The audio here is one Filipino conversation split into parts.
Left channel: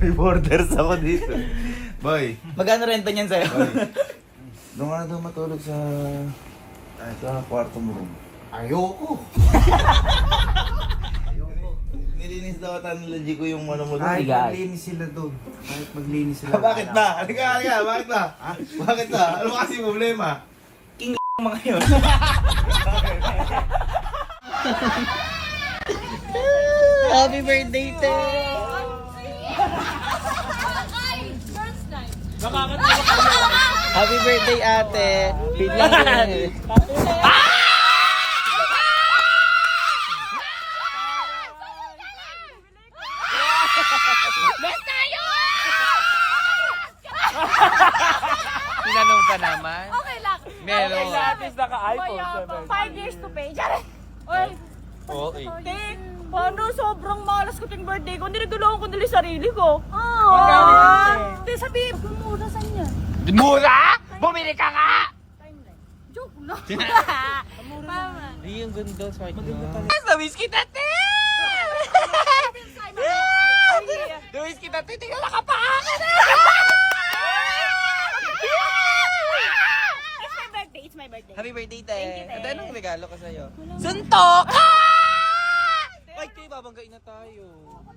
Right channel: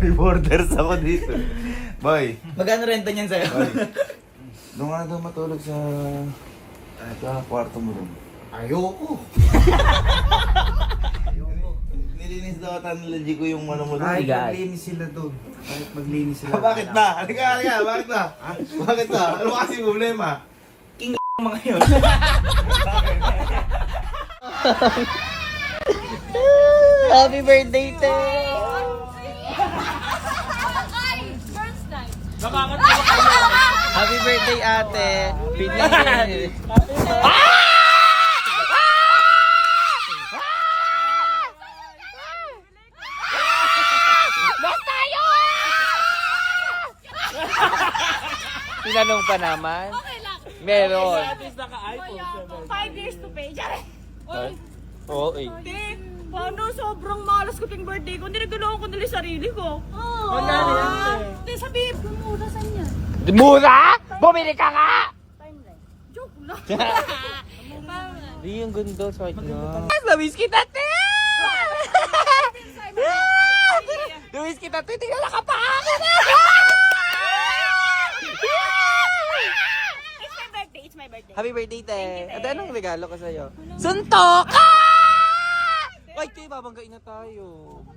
May borders ako dito. Boy, Magkano renta niyan sa'yo? boy. Doon ka na daw matulog sa kwarto mo doon. Ayoko. Nilinis daw ata nila G ko yung ano mo doon. Kahit Bigat. maglinis sila doon. Kahit maglinis sila. Bakit na? Halika, bakit na? Bakit na? Ano kasi problema? Mga yun. Happy birthday, te! Happy birthday, ate! Pinlang Tinanong ka naman? Okay lang. No, no. Naka-iPhone. 5 years to pay. Diyan. Oy. Oo, eh. Te, paano sobrang malas ko ting birthday ko? Hindi nagulungan ko nila sarili ko. Te, sabihin ko muna sa inyo. Mura? Bumili ka nga! Joke lang. Mama. Di yung gundo sa akin. Namiss kita, te! Gawis kita, titignan ka pa ako! It's my birthday. Happy birthday, te! Thank you, te. Ano anong regalo ko sa'yo? Suntok! Ay, kayo, babanggain na tayo.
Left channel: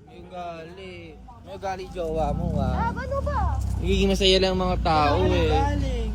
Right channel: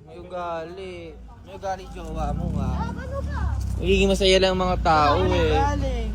May ugali. May ugali jowa mo, ah. Ano ba? Magiging masaya lang ang mga tao, eh. Galing.